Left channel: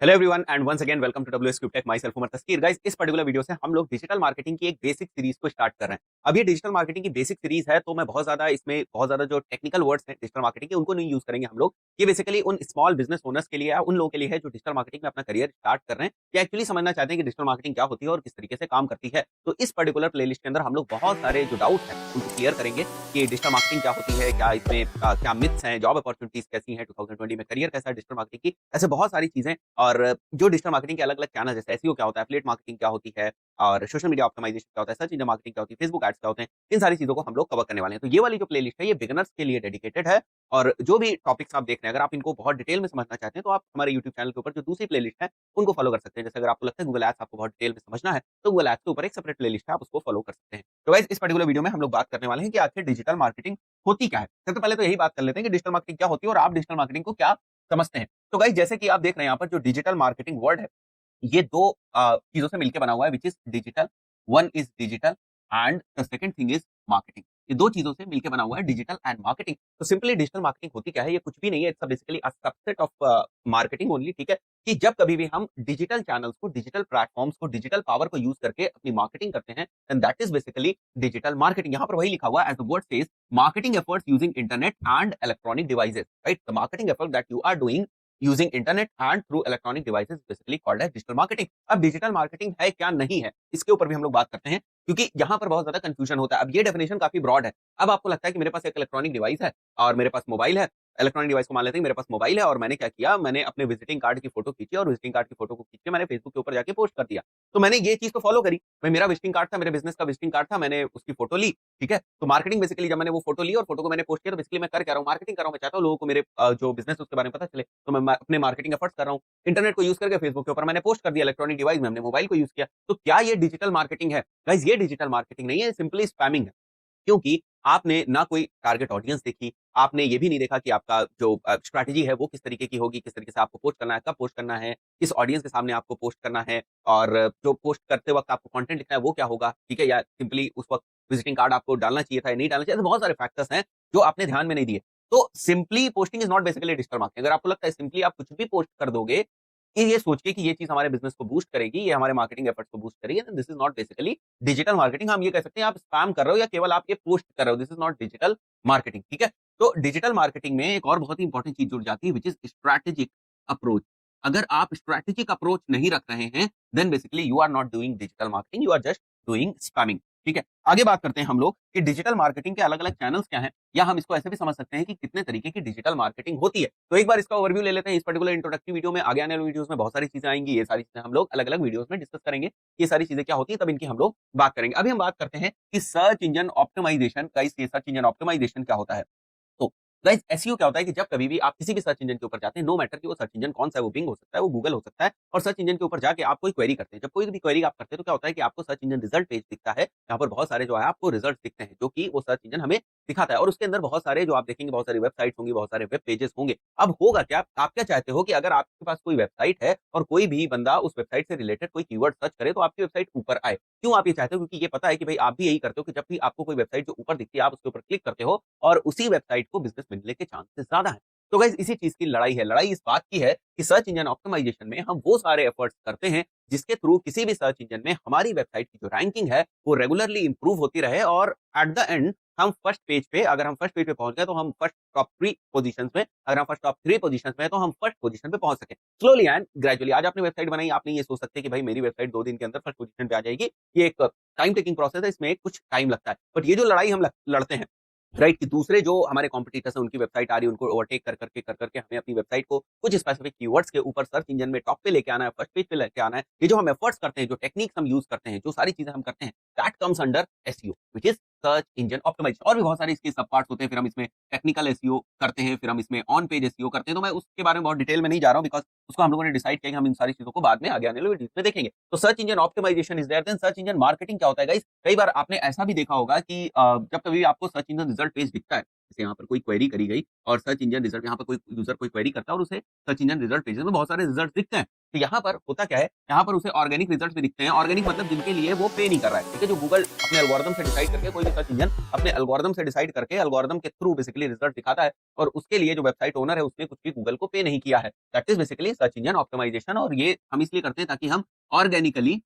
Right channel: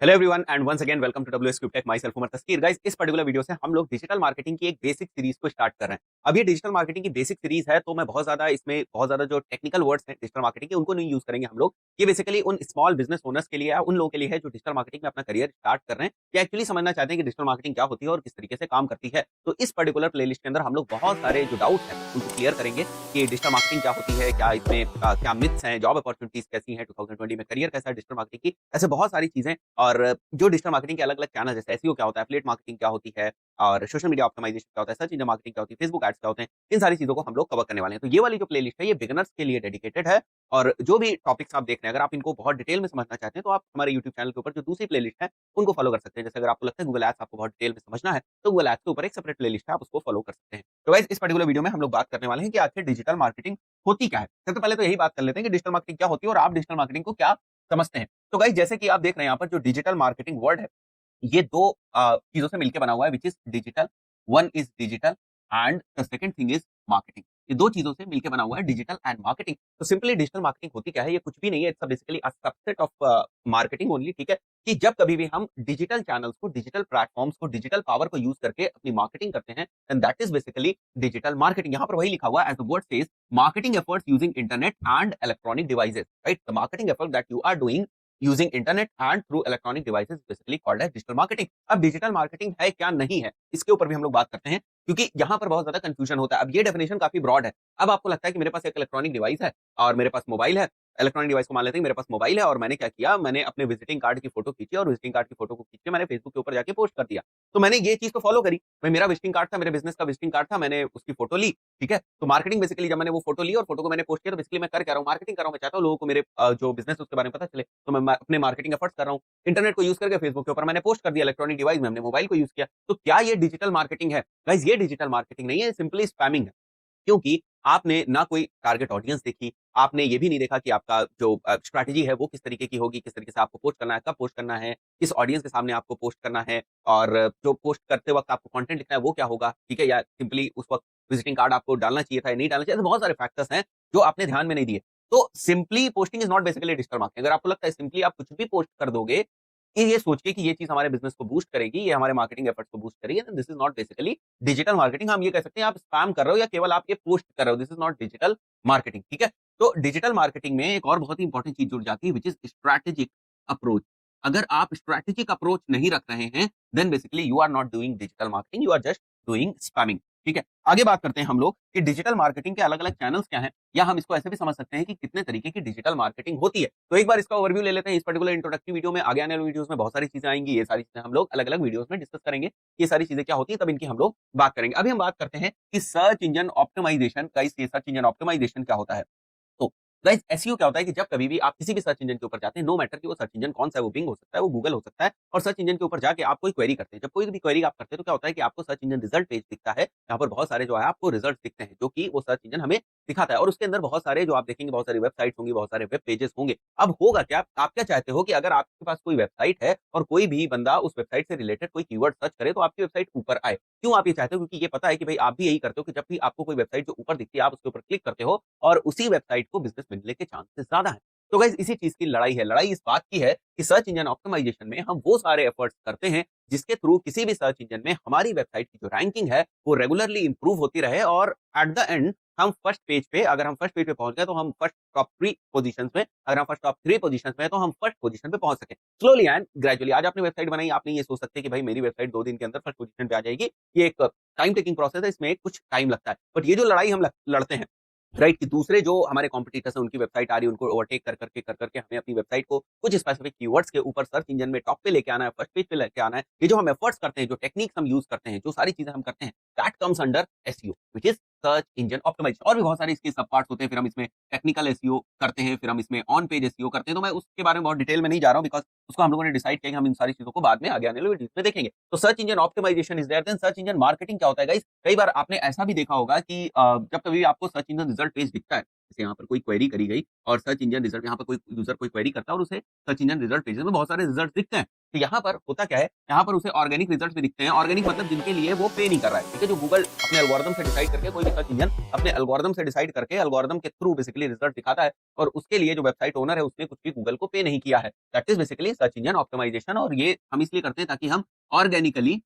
Hello everyone and once again welcome to WS cube tech myself Umar Taskeer. Guys, इस particular video से हम लोग digital marketing की एक बेसिक सीरीज को स्टार्ट कर रहे हैं। अब ये डिजिटल मार्केटिंग की बेसिक सीरीज है, तो मैं बहुत ज्यादा जो टेक्निकल वर्ड्स हैं डिजिटल मार्केटिंग के उनको नहीं यूज करेंगे हम लोग। ये बेसिकली उन स्मॉल बिजनेस ओनर्स के लिए है, उन लोगों के लिए है जो डिजिटल मार्केटिंग में अपना करियर स्टार्ट कर रहे हैं, जो एक्चुअली समझना चाहते हैं कि डिजिटल मार्केटिंग क्या होती है और किस तरीके से काम करती है। तो इस पर्टिकुलर प्लेलिस्ट के अंदर हम लोग बहुत सारे जो डाउट्स हैं उनको क्लियर करेंगे कि डिजिटल मार्केटिंग क्या होती है, क्या इसमें क्या मिथ्स हैं, जॉब अपॉर्चुनिटीज कैसी हैं, 2020 में करियर कैसा है डिजिटल मार्केटिंग की, ऐसे बहुत सारी चीजें। और जो डिजिटल मार्केटिंग के अलग-अलग चैनल जैसे एसईओ क्या होता है, एफिलिएट मार्केटिंग क्या होती है और सोशल मीडिया ऑप्टिमाइजेशन क्या होता है, सर्च इंजन मार्केटिंग क्या होती है, फेसबुक एड्स क्या होते हैं, इन सारी चीजों को हम लोग कवर करने वाले हैं। तो ये वाली जो प्लेलिस्ट है ये बिगिनर्स के लिए डेडिकेटेड है। और जो भी टॉपिक्स आप देख रहे हैं, अगर आप इनको बहुत डिटेल में समझना चाहते हैं तो आप हमारे यूट्यूब चैनल के ऊपर जो दूसरी प्लेलिस्ट है उनको फॉलो कर सकते हैं। जैसे अगर आपको लगता है गूगल एड्स आपको बहुत डिटेल में समझना है तो गूगल एड्स के ऊपर एक सेपरेट प्लेलिस्ट है, आप उसको फॉलो कर सकते हैं। तो गाइस, इस पर्टिकुलर वीडियो में हम लोग बात करने वाले हैं कि आखिर डिजिटल मार्केटिंग होती क्या है। सबसे पहले तो यही बात कर लेते हैं कि डिजिटल मार्केटिंग क्या होती है और आप डिजिटल मार्केटिंग को क्या समझते हैं। तो गाइस, जैसे कि आप देख रहे हैं यहाँ पर जो डिजिटल मार्केटिंग वर्ड है ये 2 चीज़ों से मिलके बना हुआ है, which is digital. One is digital and the second thing is marketing. ये 2 चीज़ों से मिलके बना हुआ है डिजिटल एंड मार्केटिंग। तो सिंपली डिजिटल मार्केटिंग होती क्या है? ये कुछ भी नहीं है, it's basically a subset of marketing only, ठीक है? कि जब कभी भी हम डिजिटल चैनल्स को, डिजिटल प्लेटफॉर्म्स को, डिजिटल पावर को यूज़ करके अपनी मार्केटिंग करते हैं, then that is basically digital marketing. यहाँ पर वही लिखा हुआ है, as the word says, marketing efforts using internet and electronic devices, right? The marketing effort that you are doing using internet and through electronic devices basically called as digital marketing. अब digital marketing है क्या नहीं है, इसके ऊपर भी हम लोग बात करते हैं, क्योंकि यहाँ पर बहुत ज्यादा कंफ्यूजन होता है। अब ये डेफिनेशन काफी ब्रॉड है। अब आपको लगता है कि मेरे पास एक इलेक्ट्रॉनिक डिवाइस है और मेरे पास मोबाइल है। इलेक्ट्रॉनिक डिवाइस को मान लेते हैं, मेरे पास मोबाइल है और मैंने क्या किया, मैंने अपने विजिटिंग कार्ड की फोटो खींची और विजिटिंग कार्ड की फोटो को खींच के मैंने फेसबुक के ऊपर जाके पोस्ट कर दिया। तो मैंने ये चीज तो फॉलो करी। भाई, मेरा विजिटिंग कार्ड था, मेरे बिजनेस का विजिटिंग कार्ड था, मैंने उसकी फोटो ली, ठीक है? तो मार्केटिंग बेसिकली, जब मैंने वो फोटो ली और फोटो को मैंने पोस्ट किया, तो बेसिकली मैं कर क्या रहा हूँ, मार्केटिंग कर रहा हूँ। मैं चाहता हूँ लोगों को मेरे जो बिजनेस है उसके बारे में पता चले, तो मैं अपने मार्केटिंग एफर्ट्स कर रहा हूँ। इंटरनेट को यूज करके फेसबुक के ऊपर मैंने पोस्ट कर दिया, इलेक्ट्रॉनिक डिवाइस में हमने मोबाइल को यूज किया। तो क्या ये डिजिटल मार्केटिंग है? गाइस, ये डिजिटल मार्केटिंग नहीं है, सिंपली स्पैमिंग है। क्योंकि आपने ना कोई टारगेट ऑडियंस देखी, आपने ये भी नहीं देखा कि आपका जो स्ट्रैटेजी है वो किस तरीके की होगी, किस तरीके से आपको पोस्ट करना है, कब पोस्ट करना है, किस ऑडियंस के सामने आपको पोस्ट करना है, और जो पोस्ट करते वक्त आपको कंटेंट लिखना है वो क्या होगा, ठीक है? या सिंपली उस वक्त विजिटिंग कार्ड आपको डालना चाहिए था या नहीं डालना चाहिए, तो बहुत सारे फैक्टर्स हैं जो आपने ध्यान में नहीं दिए। तो simply posting is not basically digital marketing. अगर आपको लगता है सिंपली आप कुछ भी पोस्ट कर दोगे कि ये सोच के कि ये चीज हमारे बिजनेस को बूस्ट करेगी, ये हमारे मार्केटिंग एफर्ट्स को बूस्ट करेगी, तो this is not basically digital marketing. हम ये कह सकते हैं आप स्पैम कर रहे हो या केवल आप ये पोस्ट कर रहे हो, this is not digital marketing, ठीक है? तो डिजिटल मार्केटिंग में एक और बहुत ही इंपॉर्टेंट चीज जुड़ जाती है, विच इज स्ट्रैटेजिक अप्रोच। अगर आप स्ट्रैटेजिक अप्रोच नहीं रख रहे हैं, then basically you are not doing digital marketing, you are just doing spamming, ठीक है? आगे बात करते हैं हम लोग कि डिजिटल मार्केटिंग के अलग अलग चैनल्स क्या हैं, या हम इसको ऐसे भी समझ सकते हैं कि कितने तरीके की डिजिटल मार्केटिंग होती है। तो एक बार इसका ओवरव्यू ले लेते हैं। इस पर्टिकुलर इंट्रोडक्टरी वीडियो में, आगे आने वाले वीडियोस में बहुत सारी चीजें आएंगी, ये सारी चीजें हम लोग अलग अलग वीडियोस में डिस्कस करेंगे। ये सारी चीजें क्या होती है, तब इनकी हम लोग बात करेंगे। अभी हम बात करते हैं कि सर्च इंजन ऑप्टिमाइजेशन का, इस सर्च इंजन ऑप्टिमाइजेशन क्या होता है। तो गाइस, एसईओ क्या होता है कि जब कभी भी आप किसी भी सर्च इंजन के ऊपर जाते हैं, नो मैटर कि वो सर्च इंजन कौन सा है, वो बिंग हो सकता है, वो गूगल हो सकता है, और सर्च इंजन के ऊपर जाके आप कोई क्वेरी करते हैं। जब कोई भी क्वेरी आप करते हैं तो क्या होता है कि आपको सर्च इंजन रिजल्ट पेज दिखता है, यहाँ पर बहुत सारे जो है आपको रिजल्ट दिखते हैं, जो कि वो सर्च इंजन हमें दिखाता है। और उसके अंदर बहुत सारे जो आप देखेंगे, बहुत सारी वेबसाइट होंगी, बहुत सारे वेब पेजेस होंगे। अब होगा क्या, आप क्या चाहते हो कि अगर आपके पास कोई वेबसाइट है और कोई भी बंदा उस वेबसाइट से रिलेटेड कोई कीवर्ड सर्च करे तो आपकी वेबसाइट ऊपर आए। क्यों आप ये चाहते हो? क्योंकि ये पता है कि भाई आप भी यही करते हो कि जब भी आपको कोई वेबसाइट जो ऊपर दिखती है आप उसके ऊपर क्लिक करते हो और उसी वेबसाइट को बिजनेस मिलने के चांसेस ज्यादा है। तो गाइस, इसी चीज की लड़ाई है। लड़ाई इस बात की है कि सर्च इंजन ऑप्टिमाइजेशन में हम वो सारे एफर्ट्स करते हैं जिसके थ्रू किसी भी सर्च इंजन में हमारी वेबसाइट की जो रैंकिंग है वो रेगुलरली इंप्रूव होती रहे, और एट द एंड हम फर्स्ट पेज पे, अगर हम फर्स्ट पेज पे पहुंच गए तो हम फर्स्ट टॉप 3 पोजीशंस पे, अगर हम फर्स्ट टॉप 3 पोजीशंस पे हैं तो हम फर्स्ट पोजीशन पे पहुंच सके, स्लोली एंड ग्रेजुअली। आज आपने वेबसाइट बनाई, आपने ये सोच सकते हैं कि भाई मेरी वेबसाइट 2 दिन के अंदर फर्स्ट पोजीशन पे आ जाएगी। ये एक टाइम टेकिंग प्रोसेस है, इसमें कुछ टाइम लगता है। बट ये जो लड़ाई हम लड़ते हैं, राइट, कि दूसरे जो हमारे कॉम्पिटिटर्स हैं उनकी वेबसाइट आ रही है, उनको ओवरटेक कर करके हमें अपनी वेबसाइट को कुछ स्पेसिफिक कीवर्ड्स के ऊपर सर्च इंजन में टॉप पे लेके आना है, फर्स्ट पेज पे लेके आना है। ये जो हम एफर्ट्स करते हैं, जो टेक्निक्स हम यूज करते हैं, जो सारी चीजें हम करते हैं, that comes under SEO, which is search engine optimisation. और भी बहुत सारे इसके सब पार्ट्स होते हैं। फिर हम इसमें टेक्निकल एसईओ करते हैं, फिर हम इसमें ऑन पेज एसईओ करते हैं। तो मैं उसके बारे में बहुत डिटेल में नहीं जा रहा हूँ, बिकॉज उसको हम लोगों ने डिसाइड किया कि हम इन सारी चीजों को बाद में आगे आने वाले वीडियोस में देखेंगे। तो search engine optimisation is there, then search engine marketing क्या होता है गाइस? कई बार आपने ऐसा भी देखा होगा कि जब कभी आपको सर्च इंजन रिजल्ट पेज दिखता है जैसे यहाँ पर कोई क्वेरी करी गई और सर्च इंजन रिजल्ट, यहाँ पर कोई यूजर कोई क्वेरी करता है और उसे सर्च इंजन रिजल्ट पेज में बहुत सारे रिजल्ट दिखते हैं। तो यहाँ पर होता क्या है, यहाँ पर उसे ऑर्गेनिक रिजल्ट भी दिखते हैं। ऑर्गेनिक मतलब जिनके लिए वो पे नहीं कर रहा है, ठीक है? जो गूगल अपने एल्गोरिदम से डिसाइड करके, कोई भी सर्च इंजन अपने एल्गोरिदम से डिसाइड करके एल्गोरिदम के थ्रू बेसिकली रिजल्ट दिखाता है, और उसके लिए जो वेबसाइट ओनर है उसने कुछ भी गूगल को पे नहीं किया है। That is basically search engine optimisation. और ये हम इसलिए करते हैं ताकि हम ऑर्गेनिकली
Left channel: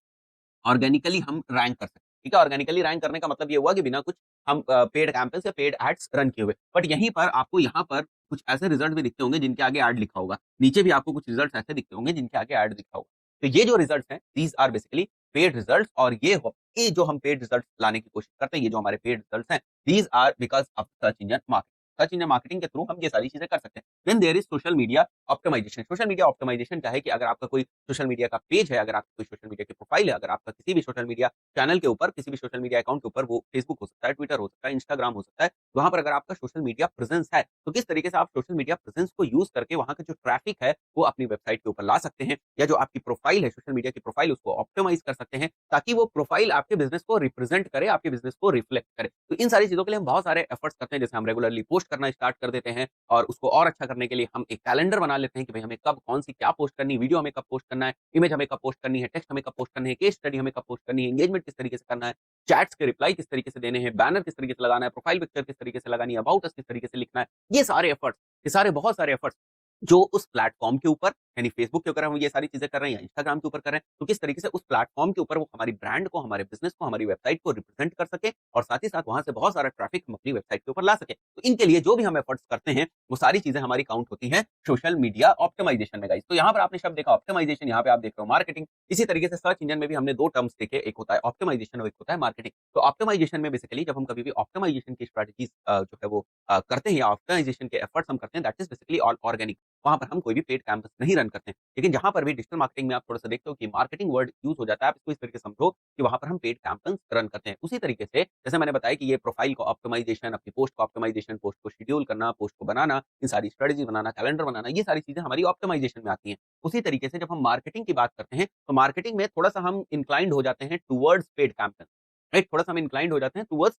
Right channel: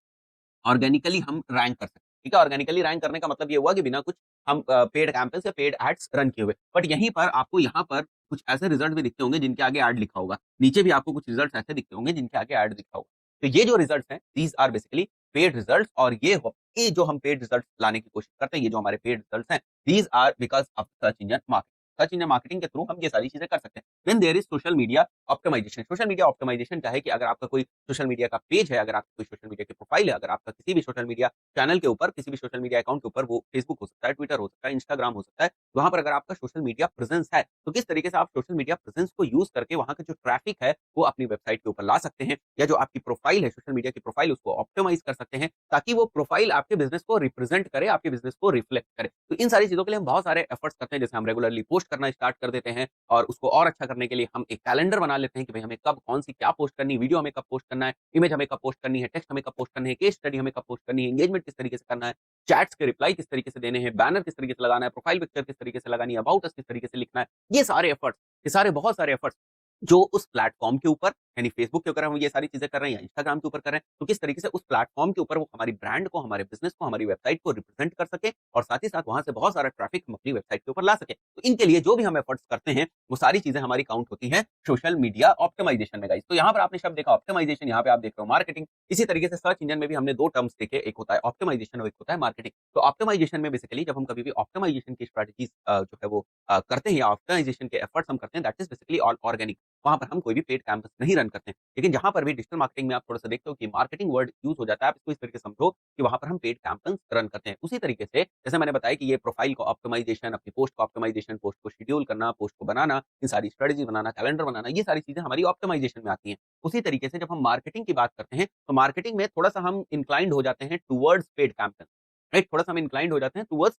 ऑर्गेनिकली हम रैंक कर सकते हैं, ठीक है? ऑर्गेनिकली रैंक करने का मतलब ये हुआ कि बिना कुछ हम पेड कैंपेन्स या पेड एड्स रन किए हुए। बट यहीं पर आपको यहाँ पर कुछ ऐसे रिजल्ट भी दिखते होंगे जिनके आगे ऐड लिखा होगा। नीचे भी आपको कुछ रिजल्ट ऐसे दिखते होंगे जिनके आगे ऐड दिखा होगा। तो ये जो रिजल्ट हैं, these are basically paid result. और ये जो हम पेड रिजल्ट लाने की कोशिश करते हैं, ये जो हमारे पेड रिजल्ट हैं, these are because of search engine marketing. Search engine marketing के थ्रू हम ये सारी चीजें कर सकते हैं। Then there is social media optimisation. Social media optimisation क्या है कि अगर आपका कोई सोशल मीडिया का पेज है, अगर आपका कोई सोशल मीडिया की प्रोफाइल है, अगर आपका किसी भी सोशल मीडिया चैनल के ऊपर, किसी भी सोशल मीडिया अकाउंट के ऊपर, वो फेसबुक हो सकता है, ट्विटर हो सकता है, इंस्टाग्राम हो सकता है, वहां पर अगर आपका सोशल मीडिया प्रेजेंस है, तो किस तरीके से आप सोशल मीडिया प्रेजेंस को यूज करके वहां का जो ट्रैफिक है वो अपनी वेबसाइट के ऊपर ला सकते हैं, या जो आपकी प्रोफाइल है सोशल मीडिया की प्रोफाइल, उसको ऑप्टिमाइज कर सकते हैं ताकि वो प्रोफाइल आपके बिजनेस को रिप्रेजेंट करे, आपके बिजनेस को रिफ्लेक्ट करे। तो इन सारी चीजों के लिए हम बहुत सारे एफर्ट्स करते हैं। जैसे हम रेगुलरली पोस्ट करना स्टार्ट कर देते हैं, और उसको और अच्छा करने के लिए हम एक कैलेंडर बना लेते हैं कि भाई हमें कब कौन सी क्या पोस्ट करनी है, वीडियो हमें कब पोस्ट करना है, इमेज हमें कब पोस्ट करनी है, टेक्स्ट हमें कब पोस्ट करनी है, केस स्टडी हमें कब पोस्ट करनी है, एंगेजमेंट किस तरीके से करना है, चैट्स के रिप्लाई किस तरीके से देने हैं, बैनर किस तरीके से लगाना है, प्रोफाइल पिक्चर किस तरीके से लगानी है, अबाउट अस किस तरीके से लिखना है। ये सारे एफर्ट्स, ये सारे बहुत सारे एफर्ट्स जो उस प्लेटफॉर्म के ऊपर, यानी फेसबुक के ऊपर हम ये सारी चीजें कर रहे हैं या इंस्टाग्राम के ऊपर कर रहे हैं, तो किस तरीके से उस प्लेटफॉर्म के ऊपर वो हमारी ब्रांड को, हमारे बिजनेस को, हमारी वेबसाइट को रिप्रेजेंट कर सके, और साथ ही साथ वहां से बहुत सारा ट्रैफिक हम अपनी वेबसाइट के ऊपर ला सके। तो इनके लिए जो भी हम एफर्ट्स करते हैं, वो सारी चीजें हमारी काउंट होती है सोशल मीडिया ऑप्टिमाइजेशन में, गाइस। तो यहाँ पर आपने शब्द देखा ऑप्टिमाइजेशन, यहाँ पे आप देख रहे हो मार्केटिंग। इसी तरीके से सर्च इंजन में भी हमने दो टर्म्स देखे, एक होता है ऑप्टिमाइजेशन और एक होता है मार्केटिंग। तो ऑप्टिमाइजेशन में बेसिकली जब हम कभी भी ऑप्टिमाइजेशन की स्ट्रेटजीज जो है वो करते हैं, या ऑप्टिमाइजेशन के एफर्ट्स हम करते हैं, that is basically all organic. वहां पर हम कोई भी पेड कैंपस नहीं रन करते हैं। लेकिन जहां पर भी डिजिटल मार्केटिंग में आप थोड़ा सा देखते हो कि मार्केटिंग वर्ड यूज हो जाता है, आप इसको इस तरीके से समझो कि वहां पर हम पेड कैंपेन्स रन करते हैं। उसी तरीके से जैसे मैंने बताया कि ये प्रोफाइल को ऑप्टिमाइजेशन, अपनी पोस्ट को ऑप्टिमाइजेशन, पोस्ट को शेड्यूल करना, पोस्ट को बनाना, इन सारी स्ट्रेटजी बनाना, कैलेंडर बनाना, ये सारी चीजें हमारी ऑप्टिमाइजेशन में आती हैं। उसी तरीके से जब हम मार्केटिंग की बात करते हैं, तो मार्केटिंग में थोड़ा सा हम इंक्लाइंड हो जाते हैं टूवर्ड्स पेड कैंपेन, राइट? थोड़ा सा हम इंक्लाइंड हो जाते हैं टूवर्ड्स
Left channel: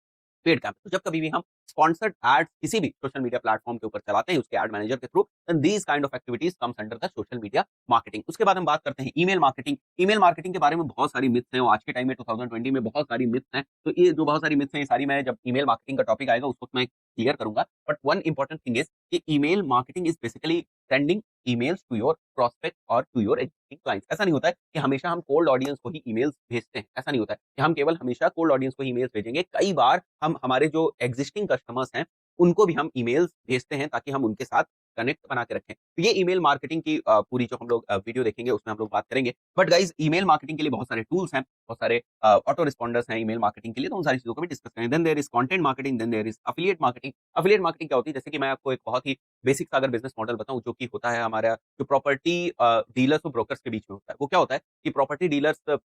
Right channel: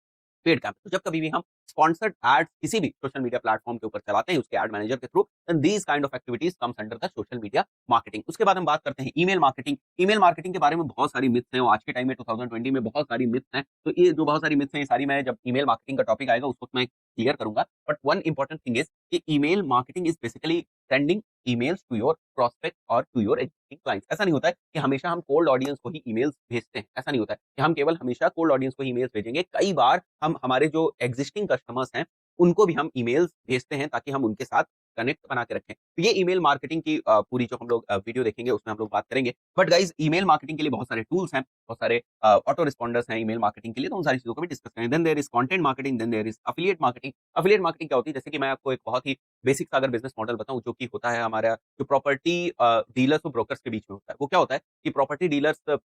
पेड कैंपेन। तो जब कभी भी हम स्पॉन्सर्ड एड्स किसी भी सोशल मीडिया प्लेटफॉर्म के ऊपर चलाते हैं उसके एड मैनेजर के through, and these kind of activities comes under the social media marketing. उसके बाद हम बात करते हैं ईमेल मार्केटिंग। ईमेल मार्केटिंग के बारे में बहुत सारी मिथ्स हैं, और आज के टाइम में 2020 में बहुत सारी मिथ्स हैं। तो ये जो बहुत सारी मिथ्स हैं, ये सारी मैं जब ईमेल मार्केटिंग का टॉपिक आएगा उस वक्त मैं क्लियर करूंगा। But one important thing is कि email marketing is basically sending emails to your prospect और टू योर एग्जिस्टिंग क्लाइंट्स। ऐसा नहीं होता है कि हमेशा हम कोल्ड ऑडियंस को ही ईमेल्स भेजते हैं। ऐसा नहीं होता है कि हम केवल हमेशा कोल्ड ऑडियंस को ही ईमेल्स भेजेंगे। कई बार हम हमारे जो एग्जिस्टिंग कस्टमर्स हैं उनको भी हम ईमेल्स भेजते हैं ताकि हम उनके साथ कनेक्ट बना के रखें। तो ये ईमेल मार्केटिंग की पूरी जो हम लोग वीडियो देखेंगे उसमें हम लोग बात करेंगे। बट गाइज, ईमेल मार्केटिंग के लिए बहुत सारे टूल्स हैं, बहुत सारे ऑटो रिस्पॉन्डर्स हैं ईमेल मार्केटिंग के लिए, तो उन सारी चीजों को भी डिस्कस करें। Then there is content marketing, then there is affiliate marketing. Affiliate marketing क्या होती है? जैसे कि मैं आपको एक बहुत ही बेसिक सा अगर बिजनेस मॉडल बताऊं, जो कि होता है हमारा जो प्रॉपर्टी डीलर्स और ब्रोकर्स के बीच में होता है। वो क्या होता है कि प्रॉपर्टी डीलर्स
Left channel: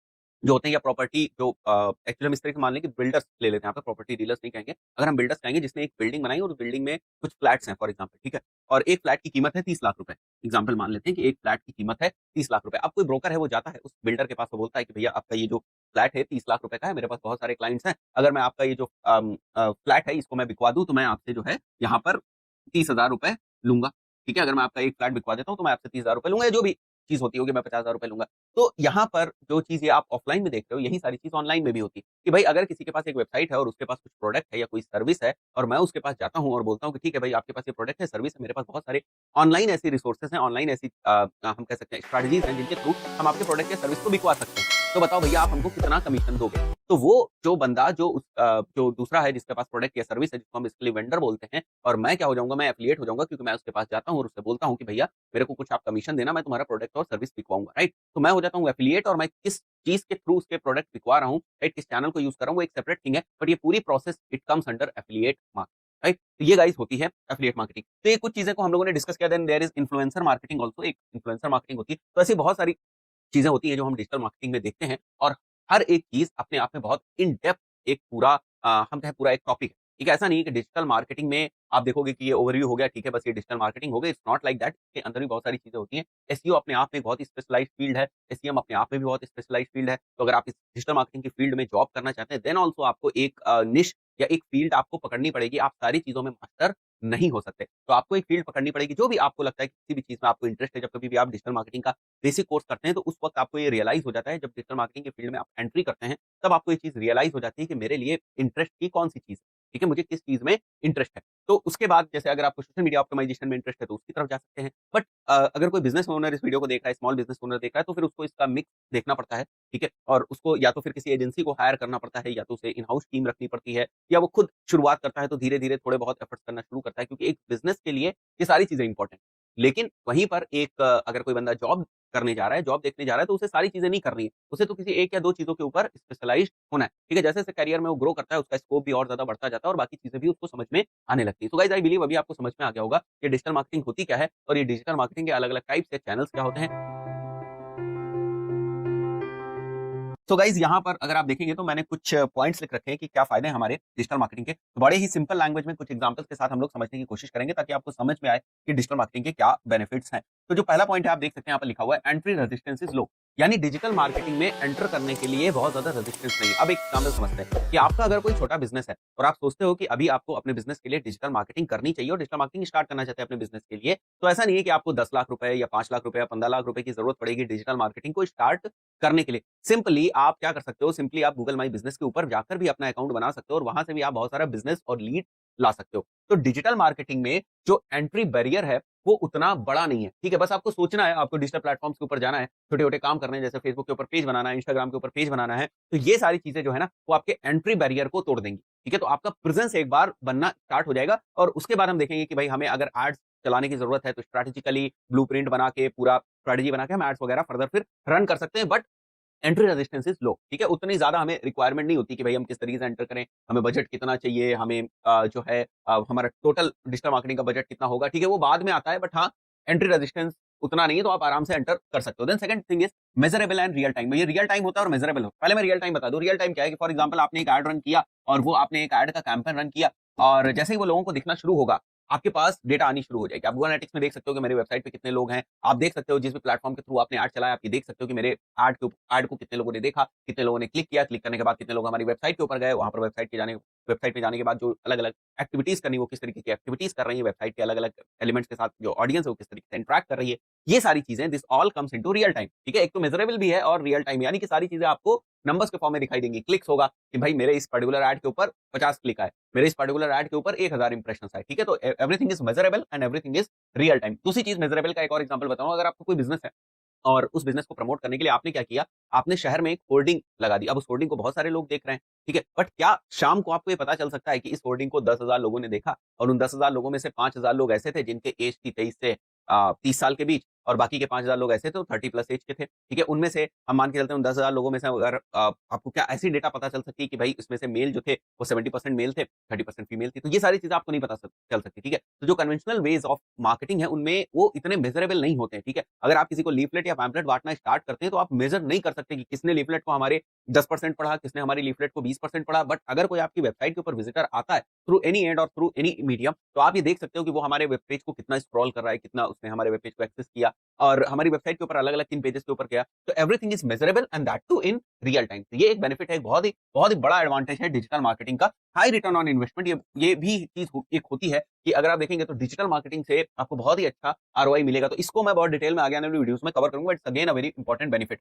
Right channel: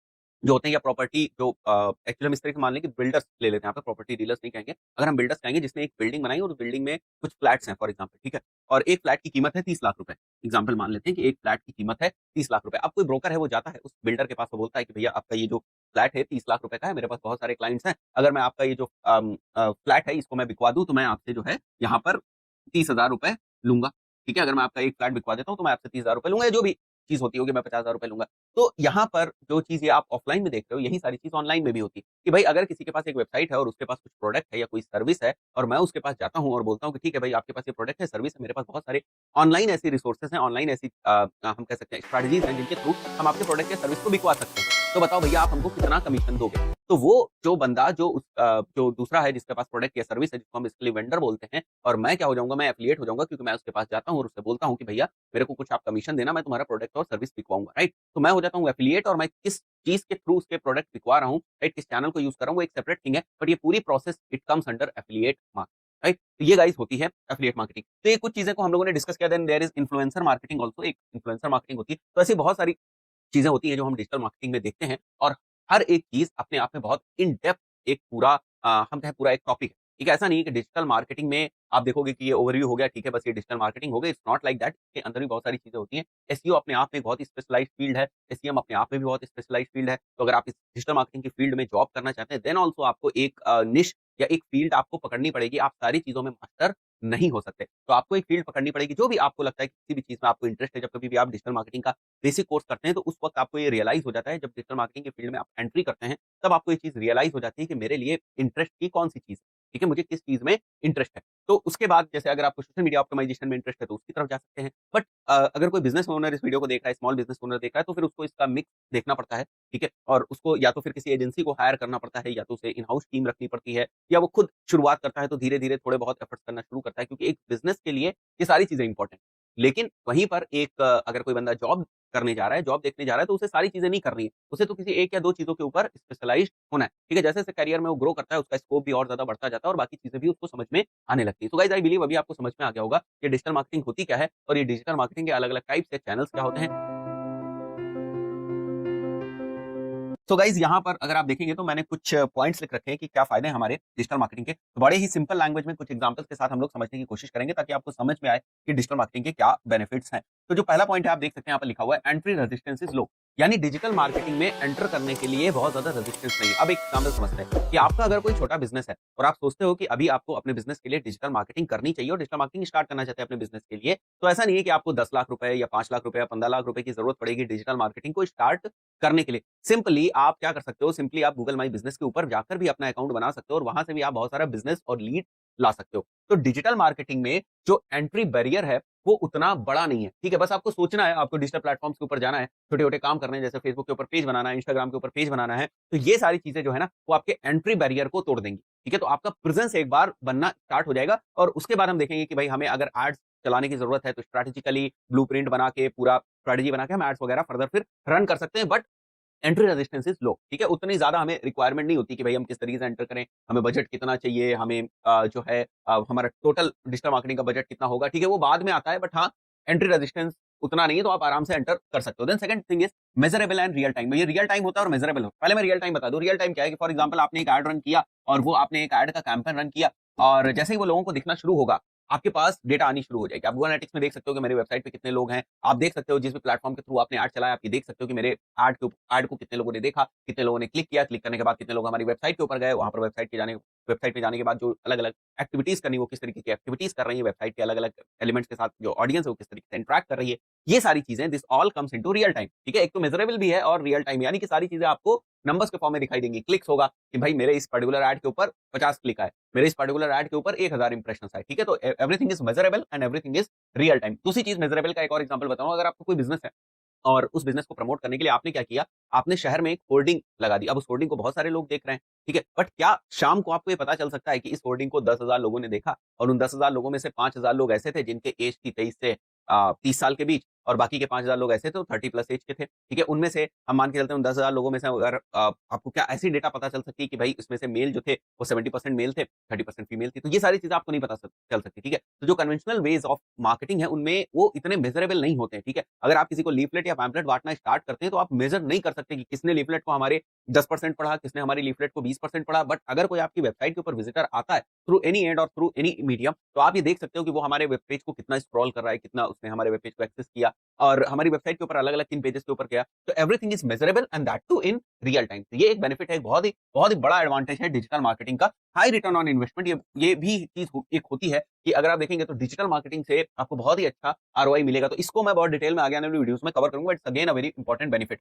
जो होते हैं, या प्रॉपर्टी जो एक्चुअली हम इस तरह से मान लें कि बिल्डर्स ले लेते हैं, यहाँ पे प्रॉपर्टी डीलर्स नहीं कहेंगे। अगर हम बिल्डर्स कहेंगे जिसने एक बिल्डिंग बनाई और उस बिल्डिंग में कुछ फ्लैट्स हैं फॉर एग्जाम्पल, ठीक है? और एक फ्लैट की कीमत है 30 लाख रुपए। एग्जाम्पल मान लेते हैं कि एक फ्लैट की कीमत है 30 लाख रुपए। अब कोई ब्रोकर है, वो जाता है उस बिल्डर के पास, वो बोलता है कि भैया आपका ये जो फ्लैट है 30 लाख रुपए का है, मेरे पास बहुत सारे क्लाइंट्स हैं, अगर मैं आपका ये जो फ्लैट है इसको मैं बिकवा दूं तो मैं आपसे जो है यहाँ पर 30,000 रुपए लूंगा। ठीक है? अगर मैं आपका एक फ्लैट बिकवा देता हूँ तो मैं आपसे 30,000 रुपए लूंगा, या जो भी चीज होती होगी मैं 50,000 रुपए लूंगा। तो यहाँ पर जो चीज़ ये आप ऑफलाइन में देख रहे हो, यही सारी चीज़ ऑनलाइन में भी होती है कि भाई अगर किसी के पास एक वेबसाइट है और उसके पास कुछ प्रोडक्ट है या कोई सर्विस है, और मैं उसके पास जाता हूँ और बोलता हूँ कि ठीक है भाई, आपके पास ये प्रोडक्ट है, सर्विस है, मेरे पास बहुत सारे ऑनलाइन ऐसी रिसोर्सेज हैं, ऑनलाइन ऐसी हम कह सकते हैं स्ट्रेटजीज हैं जिनके थ्रू हम आपके प्रोडक्ट या सर्विस को बिकवा सकते हैं। तो बताओ भैया, आप हमको कितना कमीशन दोगे? तो वो जो बंदा जो दूसरा है जिसके पास प्रोडक्ट या सर्विस है, जिसको हम इसके लिए वेंडर बोलते हैं, और मैं क्या हो जाऊंगा, मैं एफिलिएट हो जाऊंगा, क्योंकि मैं उसके पास जाता हूँ और उससे बोलता हूँ कि भैया मेरे को कुछ आप कमीशन देना, मैं तुम्हारा प्रोडक्ट और सर्विस बिकवाऊंगा, राइट? तो मैं हो जाता हूँ एफिलिएट, और मैं किस चीज के थ्रू उसके प्रोडक्ट बिकवा रहा हूँ, राइट, किस चैनल को यूज कर रहा हूँ, वो एक सेपरेट थिंग है, बट ये पूरी process it comes under affiliate marketing, right? तो ये गाइस होती है एफिलिएट मार्केटिंग। तो ये कुछ चीजें को हम लोगों ने डिस्कस किया। Then there is influencer marketing also, एक इन्फ्लुएंसर मार्केटिंग होती है। तो ऐसी बहुत सारी चीजें होती हैं जो हम डिजिटल मार्केटिंग में देखते हैं, और हर एक चीज अपने आप में बहुत इन डेप्थ एक पूरा हम कहें पूरा एक टॉपिक है। ठीक है? ऐसा नहीं है कि डिजिटल मार्केटिंग में आप देखोगे कि ये ओवरव्यू हो गया, ठीक है, बस ये डिजिटल मार्केटिंग हो गया। It's not like that. इसके अंदर भी बहुत सारी चीजें होती हैं। एसईओ अपने आप में बहुत स्पेशलाइज्ड फील्ड है, एसईएम अपने आप में भी बहुत स्पेशलाइज्ड फील्ड है। तो अगर आप इस डिजिटल मार्केटिंग की फील्ड में जॉब करना चाहते हैं, देन ऑल्सो आपको एक निश या एक फील्ड आपको पकड़नी पड़ेगी। आप सारी चीजों में मास्टर नहीं हो सकते। तो आपको एक फील्ड पकड़नी पड़ेगी, जो भी आपको लगता है कि किसी भी चीज़ में आपको इंटरेस्ट है, जब कभी भी आप डिजिटल मार्केटिंग का बेसिक कोर्स करते हैं, तो उस वक़्त आपको ये रियलाइज़ हो जाता है, जब डिजिटल मार्केटिंग के फील्ड में आप एंट्री करते हैं, तब आपको ये चीज़ रियलाइज़ हो जाती है कि मेरे लिए इंटरेस्ट की कौन-सी चीज़ है, ठीक है? मुझे किस चीज़ में इंटरेस्ट है। तो उसके बाद जैसे अगर आपको सोशल मीडिया ऑप्टिमाइज़ेशन में इंटरेस्ट है, तो उसकी तरफ जा सकते हैं। बट अगर कोई बिज़नेस ओनर इस वीडियो को देख रहा है, स्मॉल बिज़नेस ओनर देख रहा है, तो फिर उसको इसका मिक्स देखना पड़ता है, ठीक है? और उसको या तो फिर किसी एजेंसी को हायर करना पड़ता है, या तो उसे इन हाउस टीम रखनी पड़ती है, या वो खुद शुरुआत करता है, तो धीरे-धीरे थोड़े बहुत एफर्ट्स करना शुरू करता है, क्योंकि एक बिज़नेस के लिए ये सारी चीज़ें इंपॉर्टेंट हैं। लेकिन वहीं पर एक अगर कोई बंदा जॉब करने जा रहा है, जॉब देखने जा रहा है, तो उसे सारी चीज़ें नहीं करनी है। उसे तो किसी 1 या 2 चीज़ों के ऊपर स्पेशलाइज़्ड होना है, ठीक है? जैसे-जैसे करियर में वो ग्रो करता है, उसका स्कोप भी और ज़्यादा बढ़ता जाता है और बाकी चीज़ें भी उसको समझ में आने लगती है। तो गाइस आई बिलीव अभी आपको समझ में आ गया होगा कि डिजिटल मार्केटिंग होती क्या है और ये डिजिटल मार्केटिंग के अलग-अलग टाइप्स या चैनल्स क्या होते हैं। तो गाइज यहाँ पर अगर आप देखेंगे तो मैंने कुछ पॉइंट्स लिख रखे हैं कि क्या फायदे हैं हमारे डिजिटल मार्केटिंग के। तो बड़े ही सिंपल लैंग्वेज में कुछ एग्जांपल्स के साथ हम लोग समझने की कोशिश करेंगे, ताकि आपको समझ में आए कि डिजिटल मार्केटिंग के क्या बेनिफिट्स हैं। तो जो पहला पॉइंट है, आप देख सकते हैं यहाँ पर लिखा हुआ है, एंट्री रेजिस्टेंस इज लो। यानी डिजिटल मार्केटिंग में एंटर करने के लिए बहुत ज्यादा रेजिस्टेंस नहीं है। अब एक एग्जांपल समझते हैं कि आपका अगर कोई छोटा बिजनेस है और आप सोचते हो कि अभी आपको अपने बिजनेस के लिए डिजिटल मार्केटिंग करनी चाहिए और डिजिटल मार्केटिंग स्टार्ट करना चाहते हैं अपने बिजनेस के लिए, तो ऐसा नहीं है कि आपको 10 लाख रुपए या 5 लाख रुपए या 15 लाख रुपए की जरूरत पड़ेगी डिजिटल मार्केटिंग को स्टार्ट करने के लिए। सिंपली आप क्या कर सकते हो, सिंपली आप गूगल माई बिजनेस के ऊपर जाकर भी अपना अकाउंट बना सकते हो और वहां से भी आप बहुत सारा बिजनेस और लीड ला सकते हो। तो डिजिटल मार्केटिंग में जो एंट्री बैरियर है वो उतना बड़ा नहीं है, ठीक है? बस आपको सोचना है, आपको डिजिटल प्लेटफॉर्म्स के ऊपर जाना है, छोटे छोटे काम करने हैं, जैसे फेसबुक के ऊपर पेज बनाना है, इंस्टाग्राम के ऊपर पेज बनाना है। तो ये सारी चीजें जो है ना, वो आपके एंट्री बैरियर को तोड़ देंगी, ठीक है? तो आपका प्रेजेंस एक बार बनना स्टार्ट हो जाएगा और उसके बाद हम देखेंगे कि भाई हमें अगर एड्स चलाने की जरूरत है, तो स्ट्रेटेजिकली ब्लूप्रिंट बना के, पूरा स्ट्रेटेजी बना के हम एड्स वगैरह फर्दर फिर रन कर सकते हैं। But entry resistance is low, ठीक है? उतनी ज्यादा हमें रिक्वायरमेंट नहीं होती कि भाई हम किस तरीके से एंटर करें, हमें बजट कितना चाहिए, हमें जो है हमारा टोटल डिजिटल मार्केटिंग का बजट कितना होगा, ठीक है? वो बाद में आता है, बट हाँ, एंट्री रेजिस्टेंस उतना नहीं है, तो आप आराम से एंटर कर सकते हो। Then second thing is measurable and real time. ये रियल टाइम होता है और मेजरेबल होता है। पहले मैं रियल टाइम बता दूं। रियल टाइम क्या है कि फॉर एग्जांपल आपने एक एड रन किया और वो आपने एक एड का कैंपेन रन किया, और जैसे ही वो लोगों को दिखना शुरू होगा, आपके पास डेटा आनी शुरू हो जाएगी। आप गूगल एनालिटिक्स में देख सकते हो कि मेरी वेबसाइट पे कितने लोग हैं। आप देख सकते हो जिस भी प्लेटफॉर्म के थ्रू आपने ऐड चलाया, आप देख सकते हो कि मेरे ऐड को कितने लोगों ने देखा, कितने लोगों ने क्लिक किया, क्लिक करने के बाद कितने लोग हमारी वेबसाइट के ऊपर गए, वहां पर वेबसाइट पे जाने के बाद जो अलग-अलग एक्टिविटीज करनी है, वो किस तरीके की एक्टिविटीज कर रही है, वेबसाइट के अलग-अलग एलिमेंट्स के साथ जो ऑडियंस है वो किस तरीके से इंटरेक्ट कर रही है। ये सारी चीजें, this all comes into real time, ठीक है? एक तो मेजरेबल भी है और रियल टाइम, यानी कि सारी चीजें आपको नंबर्स के फॉर्म में दिखाई देंगी। क्लिक्स होगा कि भाई मेरे इस पर्टिकुलर ऐड के ऊपर 50 क्लिक आए, मेरे इस पर्टिकुलर ऐड के ऊपर 1000 इंप्रेशंस आए, ठीक है? तो everything is measurable and everything is real time. दूसरी चीज मेजरेबल का एक और एग्जांपल बताऊं। अगर आपको कोई बिजनेस है और उस बिजनेस को प्रमोट करने के लिए आपने क्या किया, आपने शहर में एक होर्डिंग लगा दी। अब उस होर्डिंग को बहुत सारे लोग देख रहे हैं, ठीक है? बट क्या शाम को आपको ये पता चल सकता है कि इस होर्डिंग को 10,000 लोगों ने देखा और उन 10,000 लोगों में से 5,000 लोग ऐसे थे जिनकी एज थी 23 से 30 साल के बीच, और बाकी के 5,000 लोग ऐसे थे 30 प्लस एज के थे, ठीक है? उनमें से हम मान के चलते हैं उन 10,000 लोगों में से अगर आपको क्या ऐसी डेटा पता चल सकती है कि भाई इसमें से मेल जो थे वो 70% मेल थे, 30% फीमेल थी। तो ये सारी चीजें आपको नहीं पता चल सकती, ठीक है? तो जो कन्वेंशनल वेज ऑफ मार्केटिंग है उनमें वो इतने मेजरेबल नहीं होते हैं, ठीक है? अगर आप किसी को लीफलेट या पैम्पलेट बांटना स्टार्ट करते हैं, तो आप मेजर नहीं कर सकते कि किसने लीफलेट को हमारे 10% पढ़ा, किसने हमारी लीफलेट को 20% पढ़ा। बट अगर कोई आपकी वेबसाइट के ऊपर विजिटर आता है थ्रू एनी एंड और थ्रू एनी मीडियम, तो आप ये देख सकते हो कि वो हमारे वेब पेज को कितना स्क्रॉल कर रहा है, कितना उसने हमारे वेब पेज को एक्सेस किया और हमारी वेबसाइट के ऊपर अलग-अलग किन पेजेस के ऊपर गया। तो everything is measurable and that too in real time. तो ये एक बेनिफिट है, बहुत ही बड़ा एडवांटेज है डिजिटल मार्केटिंग का। हाई रिटर्न ऑन इन्वेस्टमेंट, ये भी चीज एक होती है कि अगर आप देखेंगे तो डिजिटल मार्केटिंग से आपको बहुत ही अच्छा आरओआई मिलेगा। तो इसको मैं बहुत डिटेल में आगे आने वाली वीडियोस में कवर करूंगा। It's again a very important benefit.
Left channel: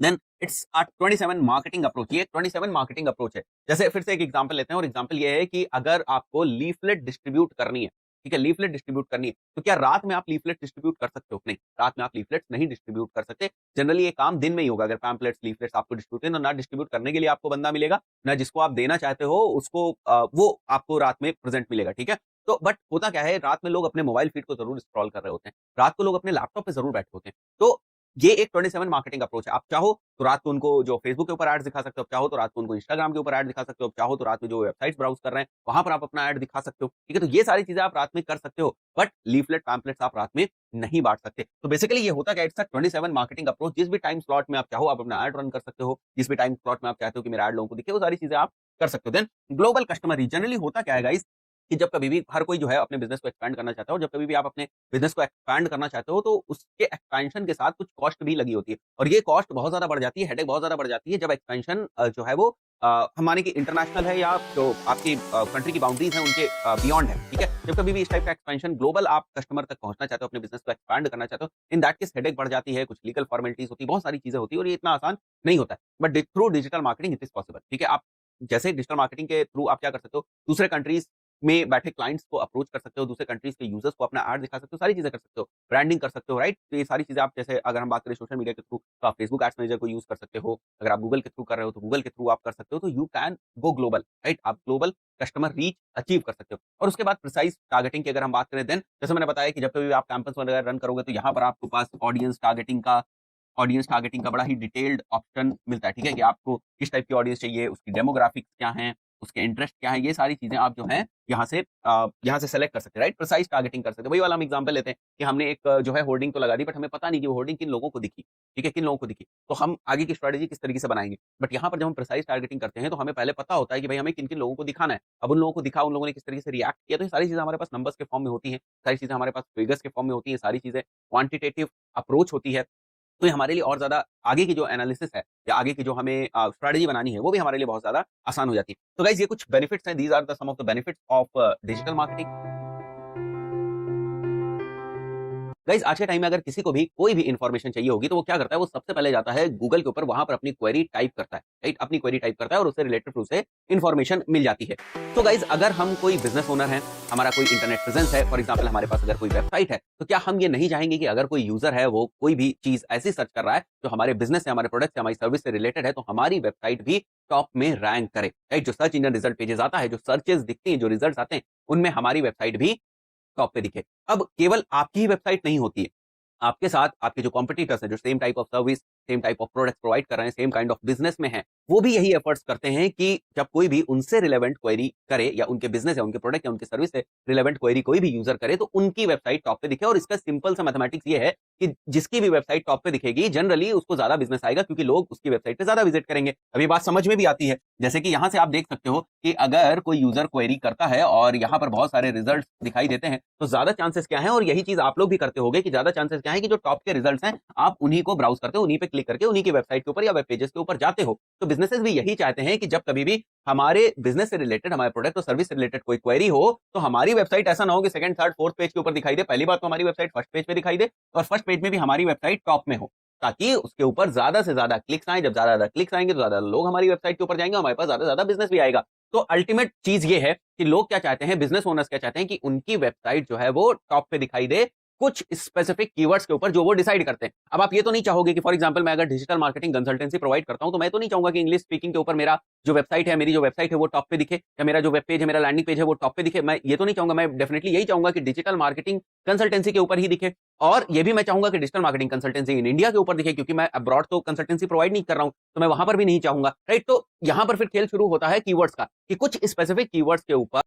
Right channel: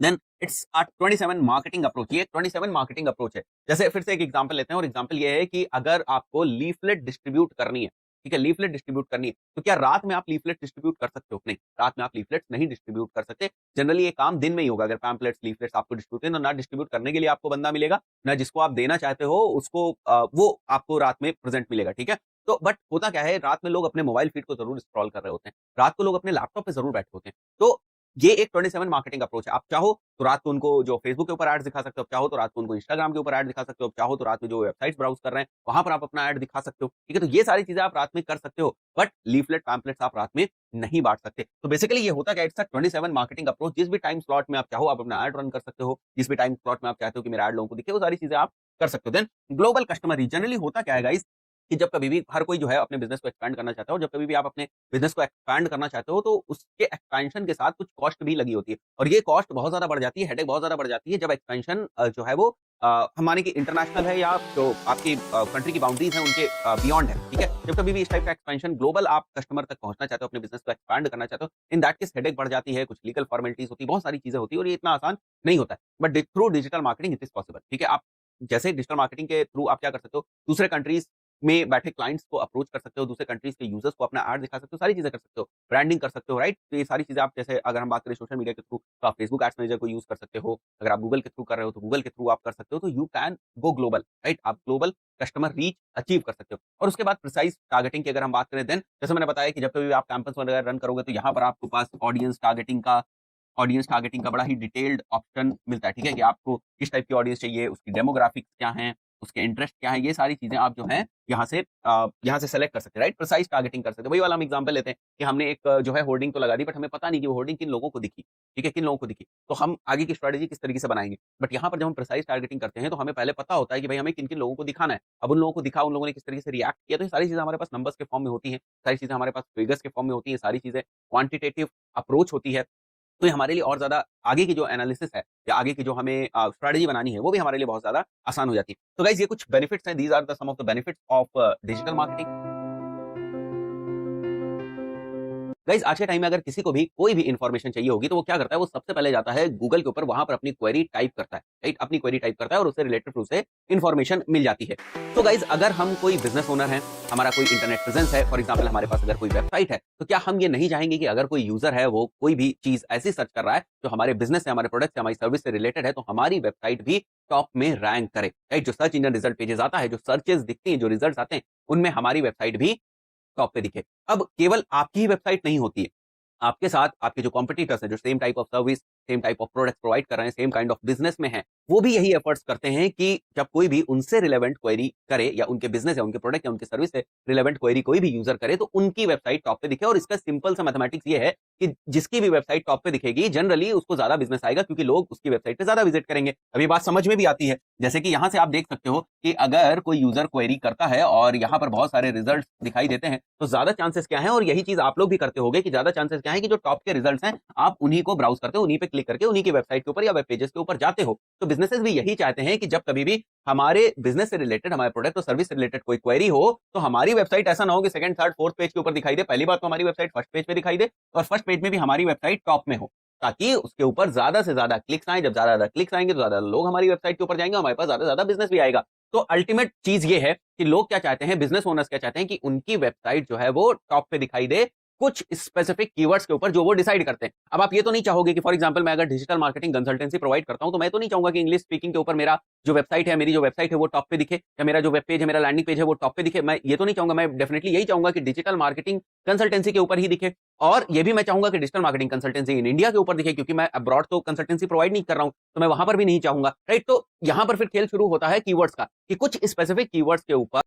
Then it's 27 marketing approach. ये 27 मार्केटिंग अप्रोच है। जैसे फिर से एक एग्जांपल लेते हैं, और एग्जांपल ये है कि अगर आपको लीफलेट डिस्ट्रीब्यूट करनी है, ठीक है? लीफलेट डिस्ट्रीब्यूट करनी है, तो क्या रात में आप लीफलेट डिस्ट्रीब्यूट कर सकते हो? नहीं, रात में आप लीफलेट्स नहीं डिस्ट्रीब्यूट कर सकते। जनरली ये काम दिन में ही होगा। अगर पैम्पलेट्स, लीफलेट्स आपको डिस्ट्रीब्यूट ना डिस्ट्रीब्यूट करने के लिए आपको बंदा मिलेगा, ना जिसको आप देना चाहते हो उसको वो आपको रात में प्रेजेंट मिलेगा, ठीक है? तो बट होता क्या है, रात में लोग अपने मोबाइल फीड को जरूर स्क्रॉल कर रहे होते हैं, रात को लोग अपने लैपटॉप पे जरूर बैठे होते हैं। तो ये एक 27 मार्केटिंग अप्रोच है। आप चाहो तो रात को उनको जो फेसबुक के ऊपर एड्स दिखा सकते हो, चाहो तो रात को उनको इंस्टाग्राम के ऊपर एड दिखा सकते हो, चाहो तो रात में जो वेबसाइट्स ब्राउज कर रहे हैं वहां पर आप अपना एड दिखा सकते हो, ठीक है? तो ये सारी चीजें आप रात में कर सकते हो, बट लीफलेट पैम्पलेट्स आप रात में नहीं बांट सकते। तो बेसिकली ये होता है, इट्स अ 27 मार्केटिंग अप्रोच। जिस भी टाइम स्लॉट में आप चाहो आप अपना एड रन कर सकते हो, जिस भी टाइम स्लॉट में आप चाहते हो कि मेरा एड लोगों को दिखे, वो सारी चीजें आप कर सकते हैं। Then global customer reach. Generally होता क्या है गाइस कि जब कभी भी हर कोई जो है अपने बिजनेस को एक्सपैंड करना चाहता है, और जब कभी भी आप अपने बिजनेस को एक्सपैंड करना चाहते हो तो उसके एक्सपेंशन के साथ कुछ कॉस्ट भी लगी होती है, और ये कॉस्ट बहुत ज्यादा बढ़ जाती है, हेडेक बहुत ज्यादा बढ़ जाती है जब एक्सपेंशन जो है वो हमारी की इंटरनेशनल है, या जो आपकी कंट्री की बाउंड्रीज है उनके बियॉन्ड है। ठीक है, जब कभी भी इस टाइप का एक्सपेंशन ग्लोबल आप कस्टमर तक पहुंचना चाहते हो, अपने बिजनेस को एक्सपैंड करना चाहते हो, इन दैट केस हेडेक बढ़ जाती है, कुछ लीगल फॉर्मेलिटीज होती है, बहुत सारी चीजें होती है, और ये इतना आसान नहीं होता है। But through digital marketing it is possible. ठीक है, आप जैसे डिजिटल मार्केटिंग के थ्रू आप क्या कर सकते हो, दूसरे कंट्रीज में बैठे क्लाइंट्स को अप्रोच कर सकते हो, दूसरे कंट्रीज के यूजर्स को अपना ऐड दिखा सकते हो, सारी चीजें कर सकते हो, ब्रांडिंग कर सकते हो, राइट। तो ये सारी चीजें आप, जैसे अगर हम बात करें सोशल मीडिया के थ्रू, तो आप फेसबुक एड्स मैनेजर को यूज कर सकते हो, अगर आप गूगल के थ्रू कर रहे हो तो गूगल के थ्रू आप कर सकते हो, तो you can go global, right. आप ग्लोबल कस्टमर रीच अचीव कर सकते हो। और उसके बाद प्रिसाइज टारगेटिंग की अगर हम बात करें, देन जैसे मैंने बताया कि जब कभी भी आप कैंपस वगैरह रन करोगे तो यहाँ पर आपके पास ऑडियंस टारगेटिंग का बड़ा ही डिटेल्ड ऑप्शन मिलता है। ठीक है, कि आपको किस टाइप की ऑडियंस चाहिए, उसकी डेमोग्राफिक्स क्या है, उसके इंटरेस्ट क्या है, ये सारी चीजें आप जो है यहाँ से सेलेक्ट कर सकते हैं, राइट। प्रिसाइज टारगेटिंग कर सकते हैं। वही वाला हम एग्जांपल लेते हैं कि हमने एक जो है होर्डिंग तो लगा दी, बट हमें पता नहीं कि वो होर्डिंग किन लोगों को दिखी। ठीक है, किन लोगों को दिखी, तो हम आगे की स्ट्रेटेजी किस तरीके से बनाएंगे। बट यहाँ पर जब हम प्रिसाइज टारगेटिंग करते हैं तो हमें पहले पता होता है कि भाई हमें किन किन लोगों को दिखाना है। अब उन लोगों को दिखा, उन लोगों ने किस तरीके से रिएक्ट किया, तो ये सारी चीजें हमारे पास नंबर्स के फॉर्म में होती हैं, सारी चीजें हमारे पास फिगर्स के फॉर्म में होती है, सारी चीजें क्वांटिटेटिव अप्रोच होती है। तो ये हमारे लिए और ज़्यादा आगे की जो एनालिसिस है, या आगे की जो हमें स्ट्रैटेजी बनानी है, वो भी हमारे लिए बहुत ज़्यादा आसान हो जाती है। तो गाइस, ये कुछ बेनिफिट्स हैं, these are the some of the benefits of digital marketing. Guys, आज के टाइम में अगर किसी को भी कोई भी इन्फॉर्मेशन चाहिए होगी तो वो क्या करता है, वो सबसे पहले जाता है गूगल के ऊपर, वहां पे अपनी क्वेरी टाइप करता है, राइट। अपनी क्वेरी टाइप करता है और उससे रिलेटेड उसे इन्फॉर्मेशन मिल जाती है। तो गाइस, अगर हम कोई बिजनेस ओनर है, हमारा कोई इंटरनेट प्रेजेंस है, फॉर एग्जांपल हमारे पास अगर कोई वेबसाइट है, तो क्या हम ये नहीं चाहेंगे कि अगर कोई यूजर है वो कोई भी चीज ऐसी सर्च कर रहा है जो हमारे बिजनेस से, हमारे प्रोडक्ट से, हमारी सर्विस से रिलेटेड है, तो हमारी वेबसाइट भी टॉप में रैंक करे, राइट। जो सर्च इंजन रिजल्ट पेजेस आता है, जो सर्चेस दिखती है, जो रिजल्ट आते हैं, उनमें हमारी वेबसाइट भी टॉप पे दिखे। अब केवल आपकी वेबसाइट नहीं होती है, आपके साथ आपके जो कॉम्पिटिटर्स हैं, जो same type of service, same type of product provide कर रहे हैं, सेम काइंड ऑफ बिजनेस में है, वो भी यही एफर्ट्स करते हैं कि जब कोई भी उनसे रिलेवेंट क्वेरी करे, या उनके बिजनेस या उनके प्रोडक्ट या उनके सर्विस से रिलेवेंट क्वेरी कोई भी यूजर करे, तो उनकी वेबसाइट टॉप पे दिखे। और इसका सिंपल सा मैथमेटिक्स ये है कि जिसकी भी वेबसाइट टॉप पे दिखेगी, जनरली उसको ज्यादा बिजनेस आएगा, क्योंकि लोग उसकी वेबसाइट पे ज्यादा विजिट करेंगे। अब ये बात समझ में भी आती है, जैसे कि यहाँ से आप देख सकते हो कि अगर कोई यूजर क्वेरी करता है और यहाँ पर बहुत सारे रिजल्ट दिखाई देते हैं, तो ज्यादा चांसेस क्या है, और यही चीज आप लोग भी करते होंगे, कि ज्यादा चांसेस क्या है कि जो टॉप के रिजल्ट्स हैं, आप उन्हीं को ब्राउज करते हो, उन्हीं पे क्लिक करके उन्हीं की वेबसाइट के ऊपर या वेब पेजेस के ऊपर जाते हो। तो बिजनेसेस भी यही चाहते हैं कि जब कभी भी हमारे बिजनेस से रिलेटेड, हमारे प्रोडक्ट और सर्विस से रिलेटेड कोई क्वेरी हो, तो हमारी वेबसाइट ऐसा ना हो कि सेकंड, थर्ड, फोर्थ पेज के ऊपर दिखाई दे। पहली बात तो हमारी वेबसाइट फर्स्ट पेज पे दिखाई दे, और फर्स्ट पेज में भी हमारी वेबसाइट टॉप में हो, ताकि उसके ऊपर ज्यादा से ज्यादा क्लिक्स आए। जब ज्यादा क्लिक्स आएंगे तो ज्यादा लोग हमारी वेबसाइट के ऊपर जाएंगे, हमारे पास ज्यादा से ज्यादा बिजनेस भी आएगा। तो अल्टीमेट चीज ये है कि लोग क्या चाहते हैं, बिजनेस ओनर्स क्या चाहते हैं, कि उनकी वेबसाइट जो है वो टॉप पे दिखाई दे, कुछ स्पेसिफिक कीवर्ड्स के ऊपर जो वो डिसाइड करते हैं। अब आप ये तो नहीं चाहोगे कि फॉर एग्जांपल मैं अगर डिजिटल मार्केटिंग कंसल्टेंसी प्रोवाइड करता हूं, तो मैं तो नहीं चाहूंगा कि इंग्लिश स्पीकिंग के ऊपर मेरा जो वेबसाइट है, मेरी जो वेबसाइट है वो टॉप पे दिखे, या मेरा जो वेब पेज है, मेरा लैंडिंग पेज है वो टॉप पे दिखे। मैं ये तो नहीं चाहूंगा, मैं डेफिनेटली यही चाहूंगा कि डिजिटल मार्केटिंग कंसल्टेंसी के ऊपर ही दिखे। और ये भी मैं चाहूंगा कि digital marketing consultancy in India के ऊपर दिखे, क्योंकि मैं अब्रॉड तो कंसल्टेंसी प्रोवाइड नहीं कर रहा हूं, तो मैं वहां पर भी नहीं चाहूंगा, राइट। तो यहां पर फिर खेल शुरू होता है कीवर्ड्स का, कि कुछ स्पेसिफिक कीवर्ड्स के ऊपर